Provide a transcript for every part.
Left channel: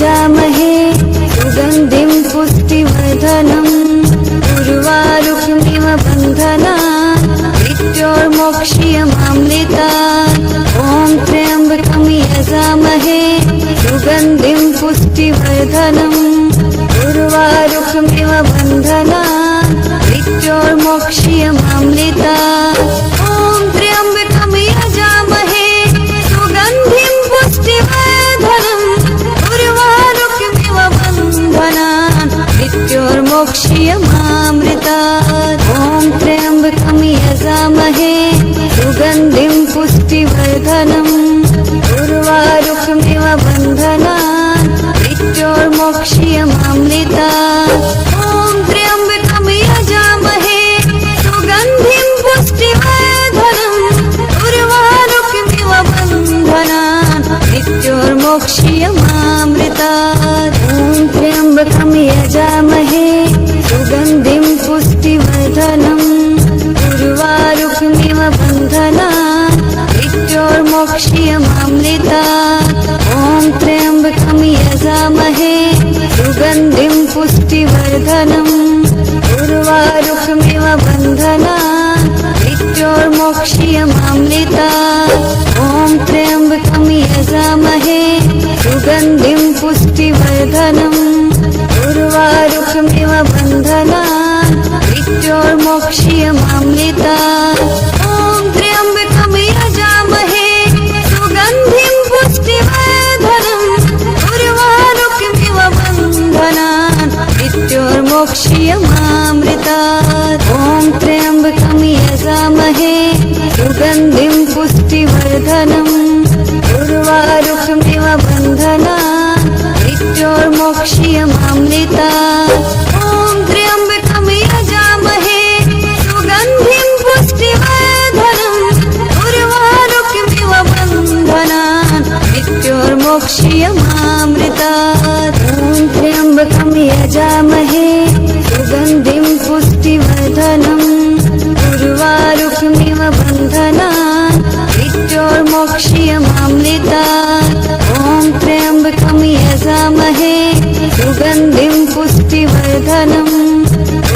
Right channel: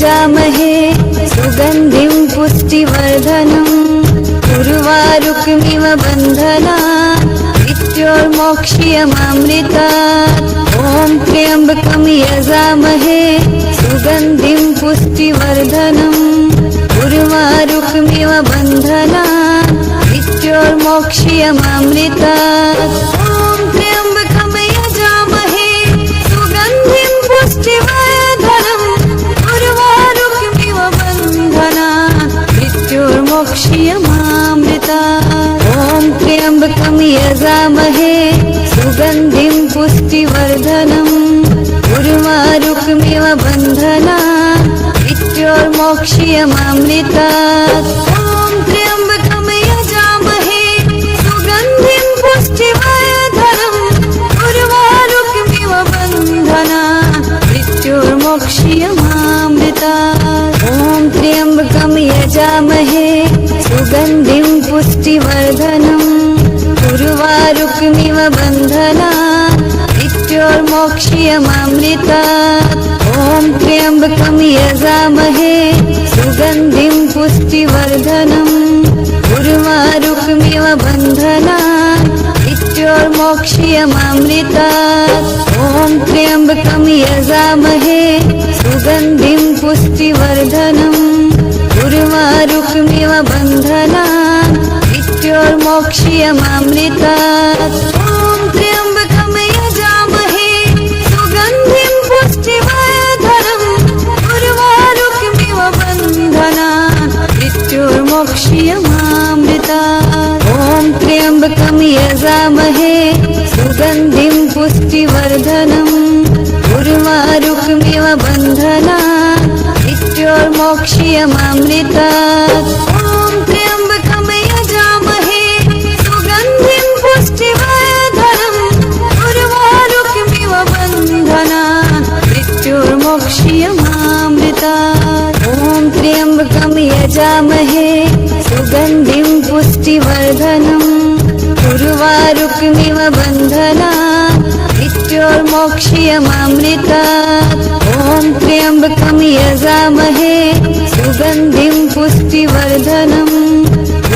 यजामहे सुगन्धिं पुष्टिवर्धनम् उर्वारुकमिव बन्धनात् मृत्योर्मोक्ष्यमामृतात् ॐ त्र्यम्बकं यजामहे सुगन्धिं पुष्टिवर्धनम् उर्वारुकमिव बन्धनात् मृत्योर्मोक्ष्यमामृतात् ॐ त्र्यम्बकं यजामहे सुगन्धिं पुष्टिवर्धनम् उर्वारुकमिव बन्धनात् मृत्योर्मोक्ष्यमामृतात् ॐ त्र्यम्बकं यजामहे सुगन्धिं पुष्टिवर्धनम् उर्वारुकमिव बन्धनात् मृत्योर्मोक्ष्यमामृतात् ॐ त्र्यम्बकं यजामहे सुगन्धिं पुष्टिवर्धनम् उर्वारुकमिव बन्धनात् मृत्योर्मोक्ष्यमामृतात् ॐ त्र्यम्बकं यजामहे सुगन्धिं पुष्टिवर्धनम् उर्वारुकमिव बन्धनात् मृत्योर्मोक्ष्यमामृतात् ॐ त्र्यम्बकं यजामहे सुगन्धिं पुष्टिवर्धनम् उर्वारुकमिव बन्धनात् मृत्योर्मोक्ष्यमामृतात् ॐ त्र्यम्बकं यजामहे सुगन्धिं पुष्टिवर्धनम् उर्वारुकमिव बन्धनात् मृत्योर्मोक्ष्यमामृतात् ॐ त्र्यम्बकं यजामहे सुगन्धिं पुष्टिवर्धनम् उर्वारुकमिव बन्धनात् मृत्योर्मोक्ष्यमामृतात् ॐ त्र्यम्बकं यजामहे सुगन्धिं पुष्टिवर्धनम् उर्वारुकमिव बन्धनात् मृत्योर्मोक्ष्यमामृतात् ॐ त्र्यम्बकं यजामहे सुगन्धिं पुष्टिवर्धनम् उर्वारुकमिव बन्धनात् मृत्योर्मोक्ष्यमामृतात् ॐ त्र्यम्बकं यजामहे सुगन्धिं पुष्टिवर्धनम्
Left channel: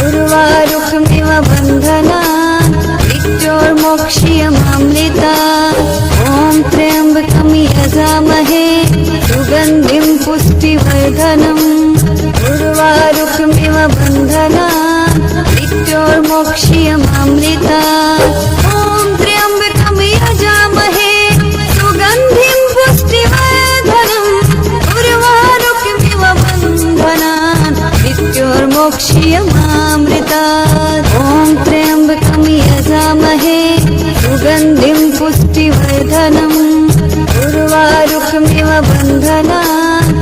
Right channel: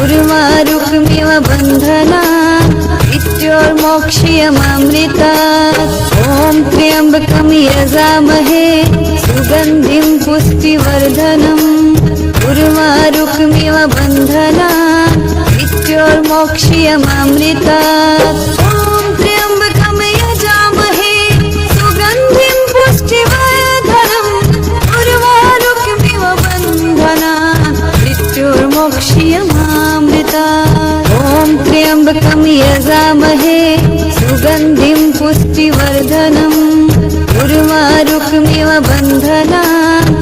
उर्वारुकमिव बन्धनात् मृत्योर्मोक्ष्यमामृतात् ॐ त्र्यम्बकं यजामहे सुगन्धिं पुष्टिवर्धनम् उर्वारुकमिव बन्धनात् मृत्योर्मोक्ष्यमामृतात् ॐ त्र्यम्बकं यजामहे सुगन्धिं पुष्टिवर्धनम् उर्वारुकमिव बन्धनात् मृत्योर्मोक्ष्यमामृतात् ॐ त्र्यम्बकं यजामहे सुगन्धिं पुष्टिवर्धनम् उर्वारुकमिव बन्धनात् मृत्योर्मोक्ष्यमामृतात् ॐ त्र्यम्बकं यजामहे सुगन्धिं पुष्टिवर्धनम् उर्वारुकमिव बन्धनात्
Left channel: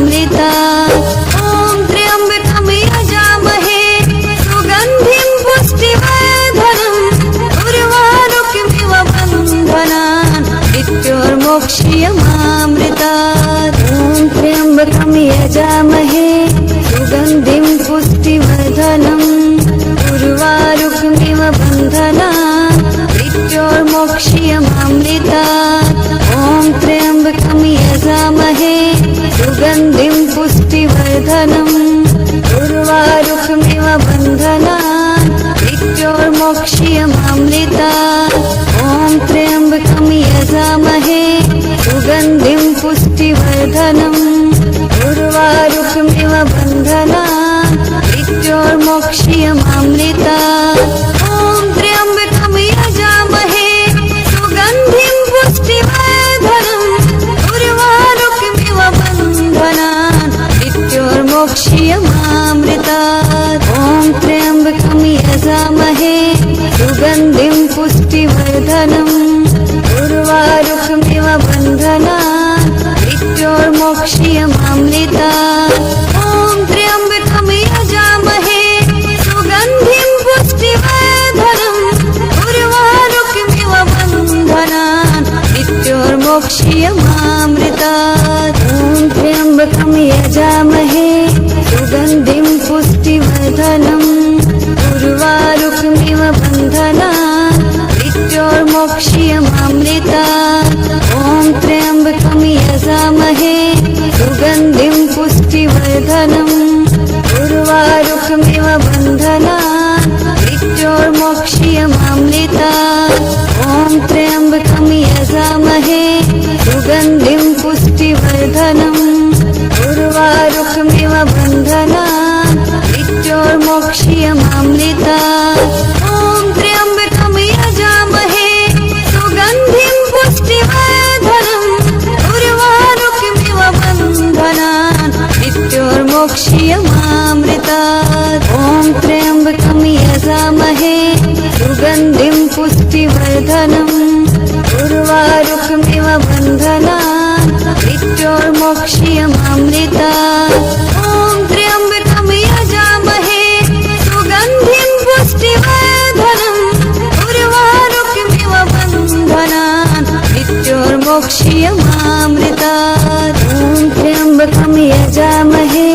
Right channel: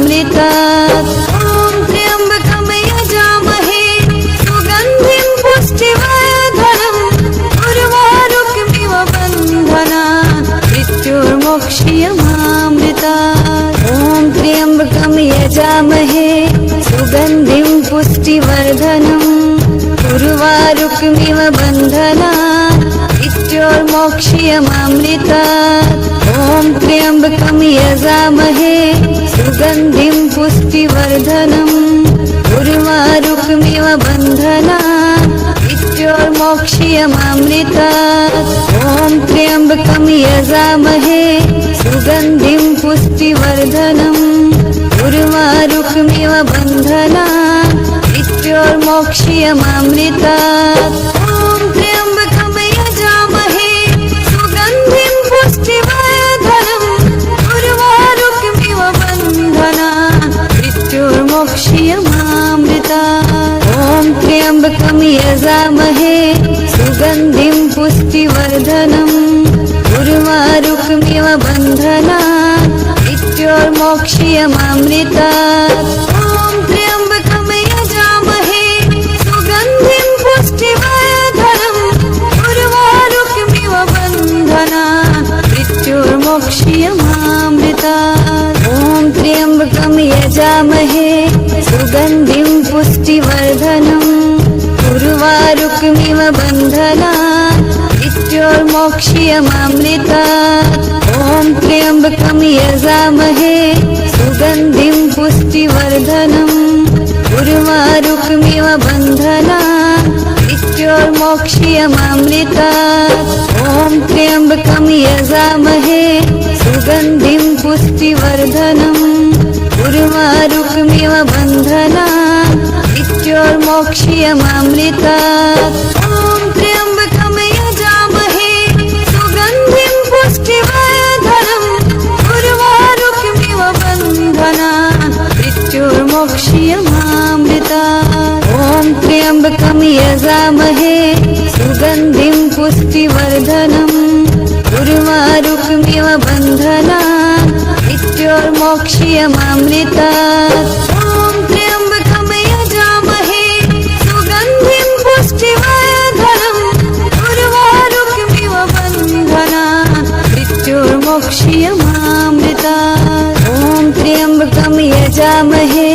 मृत्योर्मोक्ष्यमामृतात् ॐ त्र्यम्बकं यजामहे सुगन्धिं पुष्टिवर्धनम् उर्वारुकमिव बन्धनात् मृत्योर्मोक्ष्यमामृतात् ॐ त्र्यम्बकं यजामहे सुगन्धिं पुष्टिवर्धनम् उर्वारुकमिव बन्धनात् मृत्योर्मोक्ष्यमामृतात् ॐ त्र्यम्बकं यजामहे सुगन्धिं पुष्टिवर्धनम् उर्वारुकमिव बन्धनात् मृत्योर्मोक्ष्यमामृतात् ॐ त्र्यम्बकं यजामहे सुगन्धिं पुष्टिवर्धनम् उर्वारुकमिव बन्धनात् मृत्योर्मोक्ष्यमामृतात् ॐ त्र्यम्बकं यजामहे सुगन्धिं पुष्टिवर्धनम् उर्वारुकमिव बन्धनात् मृत्योर्मोक्ष्यमामृतात् ॐ त्र्यम्बकं यजामहे सुगन्धिं पुष्टिवर्धनम् उर्वारुकमिव बन्धनात् मृत्योर्मोक्ष्यमामृतात् ॐ त्र्यम्बकं यजामहे सुगन्धिं पुष्टिवर्धनम् उर्वारुकमिव बन्धनात् मृत्योर्मोक्ष्यमामृतात् ॐ त्र्यम्बकं यजामहे सुगन्धिं पुष्टिवर्धनम् उर्वारुकमिव बन्धनात् मृत्योर्मोक्ष्यमामृतात् ॐ त्र्यम्बकं यजामहे पुष्टिवर्धनम् उर्वारुकमिव बन्धनात् मृत्योर्मोक्ष्यमामृतात् ॐ त्र्यम्बकं यजामहे सुगन्धिं पुष्टिवर्धनम् उर्वारुकमिव बन्धनात् मृत्योर्मोक्ष्यमामृतात् ॐ त्र्यम्बकं यजामहे सुगन्धिं पुष्टिवर्धनम् उर्वारुकमिव बन्धनात् मृत्योर्मोक्ष्यमामृतात् ॐ त्र्यम्बकं यजामहे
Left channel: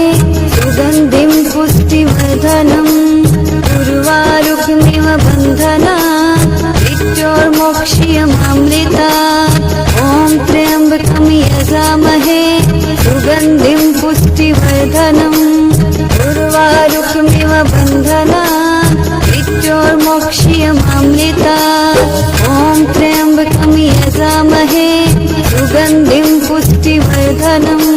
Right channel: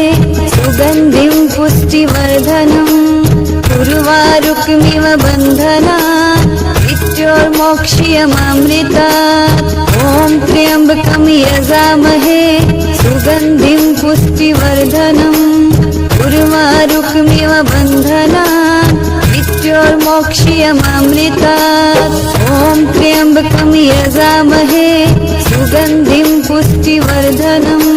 सुगन्धिं पुष्टिवर्धनम् उर्वारुकमिव बन्धनात् मृत्योर्मोक्ष्यमामृतात् ॐ त्र्यम्बकं यजामहे सुगन्धिं पुष्टिवर्धनम् उर्वारुकमिव बन्धनात् मृत्योर्मोक्ष्यमामृतात् ॐ त्र्यम्बकं यजामहे सुगन्धिं पुष्टिवर्धनम्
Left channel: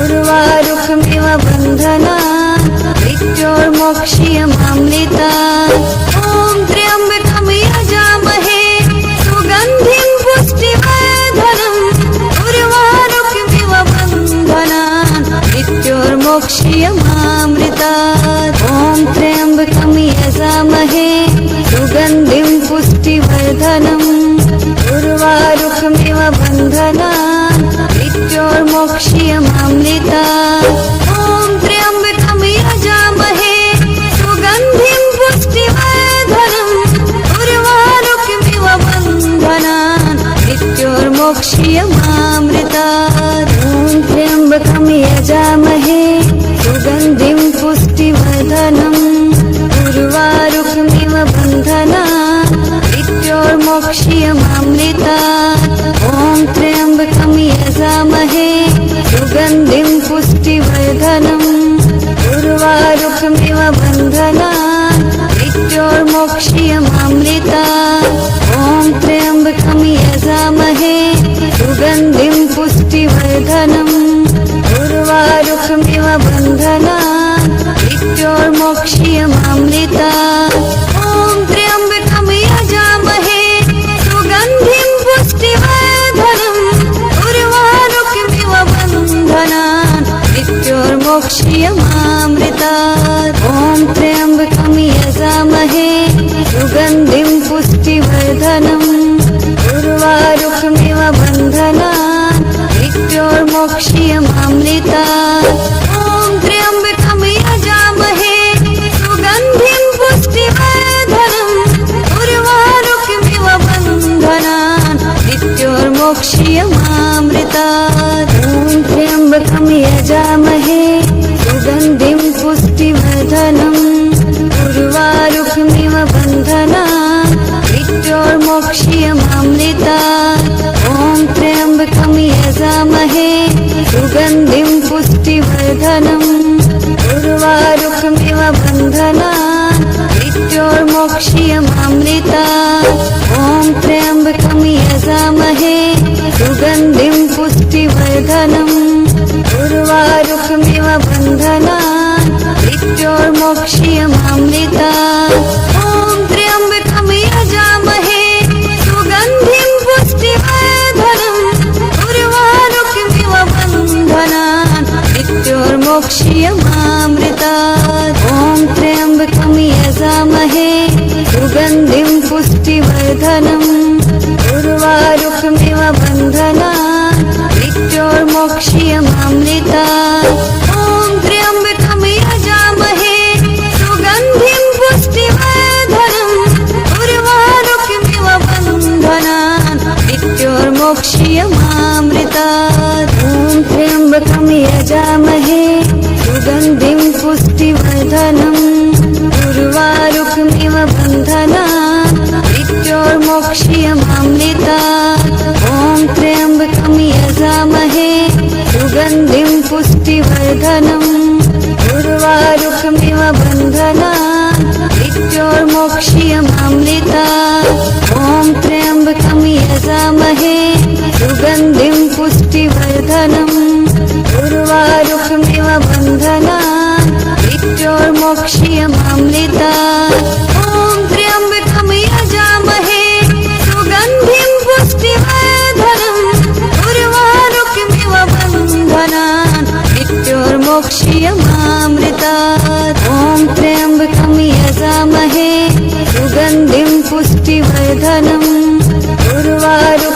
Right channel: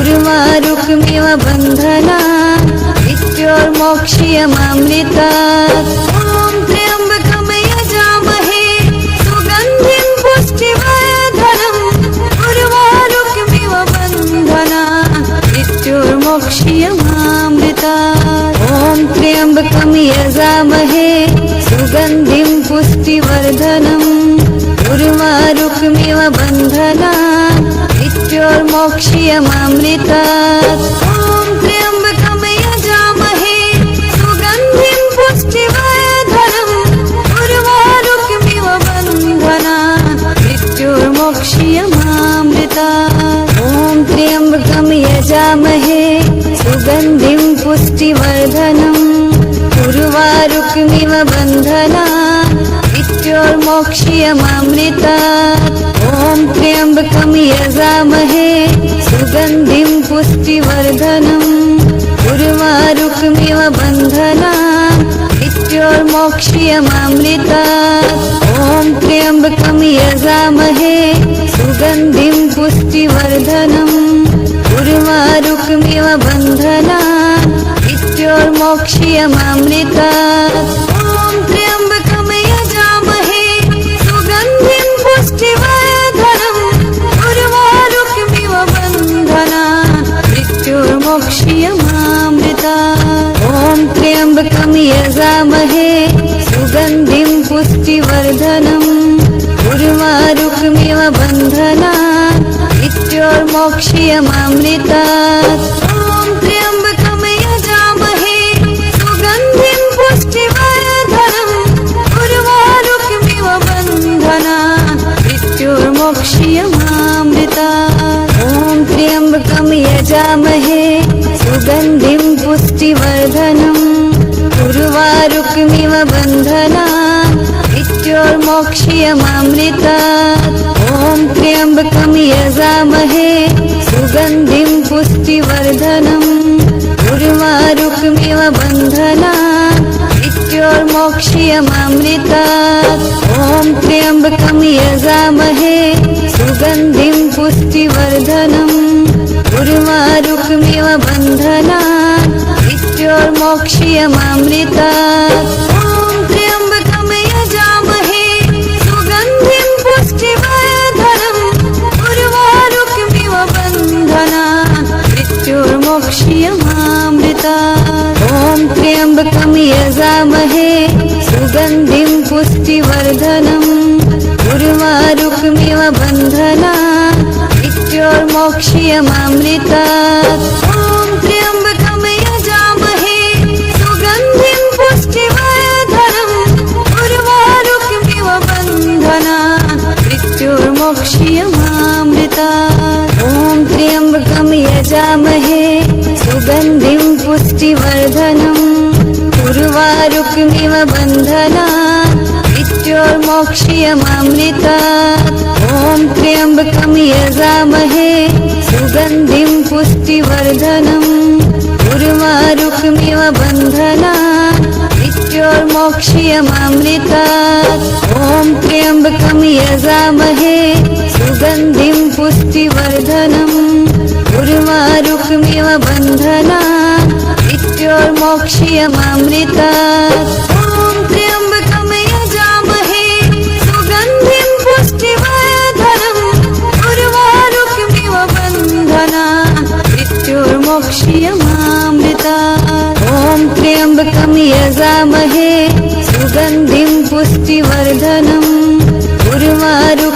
उर्वारुकमिव बन्धनात् मृत्योर्मोक्ष्यमामृतात् ॐ त्र्यम्बकं यजामहे सुगन्धिं पुष्टिवर्धनम् उर्वारुकमिव बन्धनात् मृत्योर्मोक्ष्यमामृतात् ॐ त्र्यम्बकं यजामहे सुगन्धिं पुष्टिवर्धनम् उर्वारुकमिव बन्धनात् मृत्योर्मोक्ष्यमामृतात् ॐ त्र्यम्बकं यजामहे सुगन्धिं पुष्टिवर्धनम् उर्वारुकमिव बन्धनात् मृत्योर्मोक्ष्यमामृतात् ॐ त्र्यम्बकं यजामहे सुगन्धिं पुष्टिवर्धनम् उर्वारुकमिव बन्धनात् मृत्योर्मोक्ष्यमामृतात् ॐ त्र्यम्बकं यजामहे सुगन्धिं पुष्टिवर्धनम् उर्वारुकमिव बन्धनात् मृत्योर्मोक्ष्यमामृतात् ॐ त्र्यम्बकं यजामहे सुगन्धिं पुष्टिवर्धनम् उर्वारुकमिव बन्धनात् मृत्योर्मोक्ष्यमामृतात् ॐ त्र्यम्बकं यजामहे सुगन्धिं पुष्टिवर्धनम् उर्वारुकमिव बन्धनात् मृत्योर्मोक्ष्यमामृतात् ॐ त्र्यम्बकं यजामहे सुगन्धिं पुष्टिवर्धनम् उर्वारुकमिव बन्धनात् मृत्योर्मोक्ष्यमामृतात् ॐ त्र्यम्बकं यजामहे सुगन्धिं पुष्टिवर्धनम् उर्वारुकमिव बन्धनात् मृत्योर्मोक्ष्यमामृतात् ॐ त्र्यम्बकं यजामहे सुगन्धिं पुष्टिवर्धनम् उर्वारुकमिव बन्धनात् मृत्योर्मोक्ष्यमामृतात् ॐ त्र्यम्बकं यजामहे सुगन्धिं पुष्टिवर्धनम् उर्वारुकमिव बन्धनात् मृत्योर्मोक्ष्यमामृतात् ॐ त्र्यम्बकं यजामहे सुगन्धिं पुष्टिवर्धनम् उर्वारुकमिव बन्धनात् मृत्योर्मोक्ष्यमामृतात् ॐ त्र्यम्बकं यजामहे सुगन्धिं पुष्टिवर्धनम् उर्वारुकमिव बन्धनात् मृत्योर्मोक्ष्यमामृतात् ॐ त्र्यम्बकं यजामहे सुगन्धिं पुष्टिवर्धनम् उर्वारुकमिव बन्धनात् मृत्योर्मोक्ष्यमामृतात् ॐ त्र्यम्बकं यजामहे सुगन्धिं पुष्टिवर्धनम् उर्वारुकमिव बन्धनात् मृत्योर्मोक्ष्यमामृतात् ॐ त्र्यम्बकं यजामहे सुगन्धिं पुष्टिवर्धनम् उर्वारुकमिव बन्धनात् मृत्योर्मोक्ष्यमामृतात् ॐ त्र्यम्बकं यजामहे सुगन्धिं पुष्टिवर्धनम् उर्वारुकमिव बन्धनात् मृत्योर्मोक्ष्यमामृतात् ॐ त्र्यम्बकं यजामहे सुगन्धिं पुष्टिवर्धनम् उर्वारुकमिव बन्धनात् मृत्योर्मोक्ष्यमामृतात् ॐ त्र्यम्बकं यजामहे सुगन्धिं पुष्टिवर्धनम्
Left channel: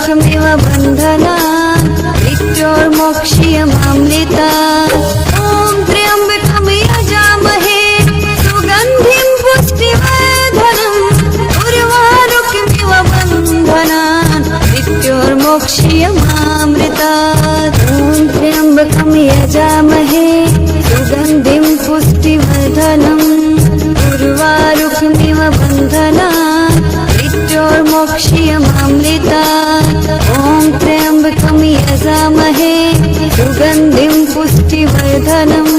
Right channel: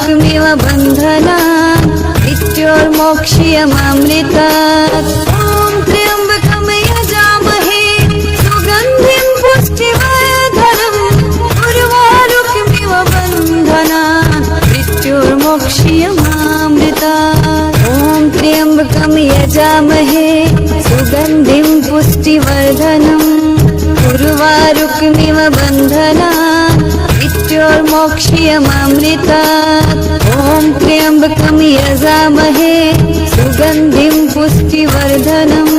उर्वारुकमिव बन्धनात् मृत्योर्मोक्ष्यमामृतात्। ॐ त्र्यम्बकं यजामहे सुगन्धिं पुष्टिवर्धनम् उर्वारुकमिव बन्धनात् मृत्योर्मोक्ष्यमामृतात्। ॐ त्र्यम्बकं यजामहे सुगन्धिं पुष्टिवर्धनम् उर्वारुकमिव बन्धनात् मृत्योर्मोक्ष्यमामृतात्। ॐ त्र्यम्बकं यजामहे सुगन्धिं पुष्टिवर्धनम्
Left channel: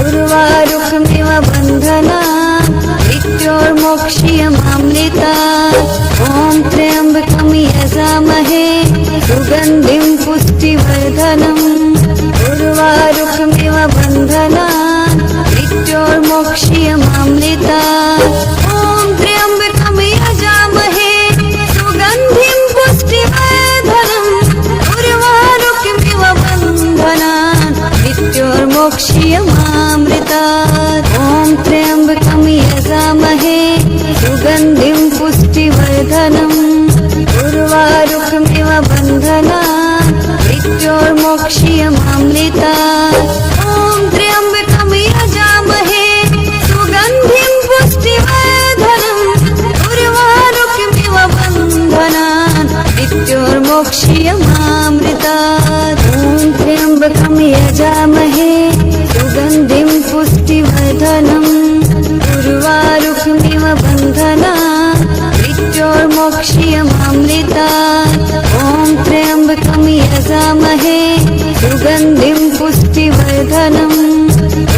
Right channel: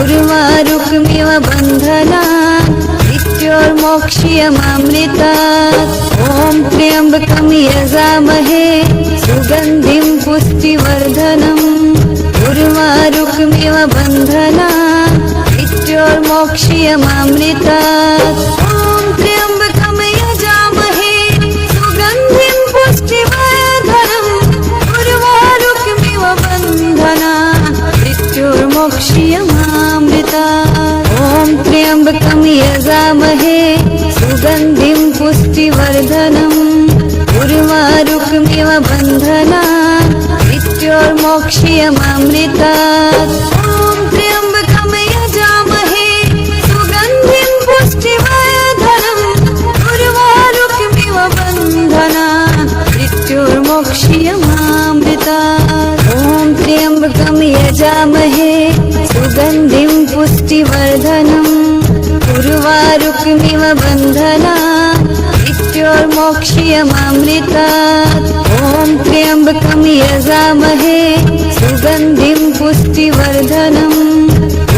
उर्वारुकमिव बन्धनात् मृत्योर्मोक्ष्यमामृतात्। ॐ त्र्यम्बकं यजामहे सुगन्धिं पुष्टिवर्धनम् उर्वारुकमिव बन्धनात् मृत्योर्मोक्ष्यमामृतात्। ॐ त्र्यम्बकं यजामहे सुगन्धिं पुष्टिवर्धनम् उर्वारुकमिव बन्धनात् मृत्योर्मोक्ष्यमामृतात्। ॐ त्र्यम्बकं यजामहे सुगन्धिं पुष्टिवर्धनम् उर्वारुकमिव बन्धनात् मृत्योर्मोक्ष्यमामृतात्। ॐ त्र्यम्बकं यजामहे सुगन्धिं पुष्टिवर्धनम् उर्वारुकमिव बन्धनात् मृत्योर्मोक्ष्यमामृतात्। ॐ त्र्यम्बकं यजामहे सुगन्धिं पुष्टिवर्धनम् उर्वारुकमिव बन्धनात् मृत्योर्मोक्ष्यमामृतात्। ॐ त्र्यम्बकं यजामहे सुगन्धिं पुष्टिवर्धनम्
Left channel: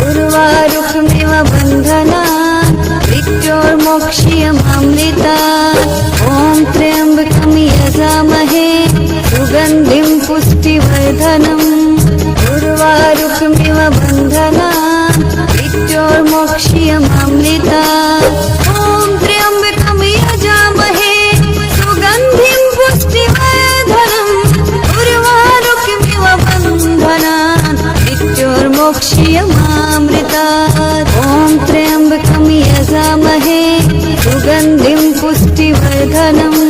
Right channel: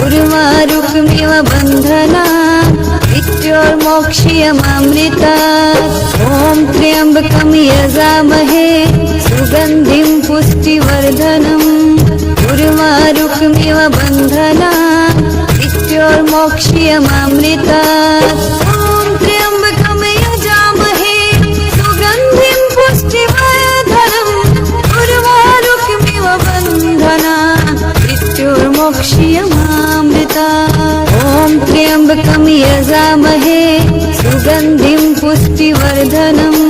उर्वारुकमिव बन्धनात् मृत्योर्मोक्ष्यमामृतात्। ॐ त्र्यम्बकं यजामहे सुगन्धिं पुष्टिवर्धनम् उर्वारुकमिव बन्धनात् मृत्योर्मोक्ष्यमामृतात्। ॐ त्र्यम्बकं यजामहे सुगन्धिं पुष्टिवर्धनम् उर्वारुकमिव बन्धनात् मृत्योर्मोक्ष्यमामृतात्। ॐ त्र्यम्बकं यजामहे सुगन्धिं पुष्टिवर्धनम्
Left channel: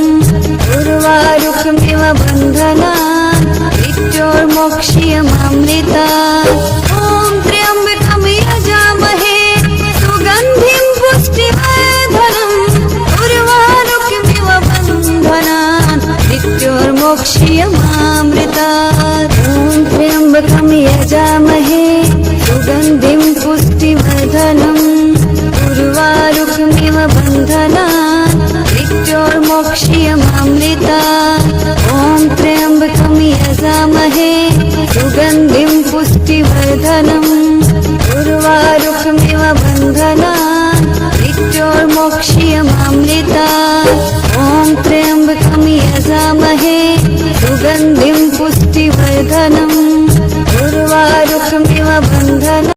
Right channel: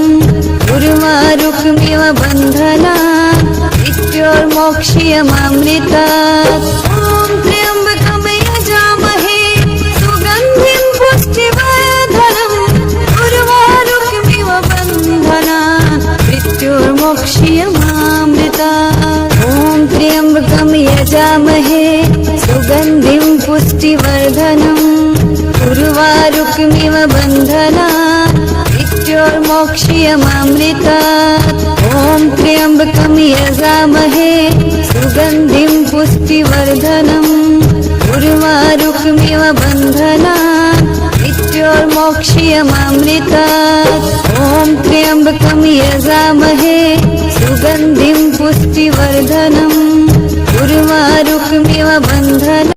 उर्वारुकमिव बन्धनात् मृत्योर्मोक्ष्यमामृतात्। ॐ त्र्यम्बकं यजामहे सुगन्धिं पुष्टिवर्धनम् उर्वारुकमिव बन्धनात् मृत्योर्मोक्ष्यमामृतात्। ॐ त्र्यम्बकं यजामहे सुगन्धिं पुष्टिवर्धनम् उर्वारुकमिव बन्धनात् मृत्योर्मोक्ष्यमामृतात्। ॐ त्र्यम्बकं यजामहे सुगन्धिं पुष्टिवर्धनम् उर्वारुकमिव बन्धनात् मृत्योर्मोक्ष्यमामृतात्। ॐ त्र्यम्बकं यजामहे सुगन्धिं पुष्टिवर्धनम्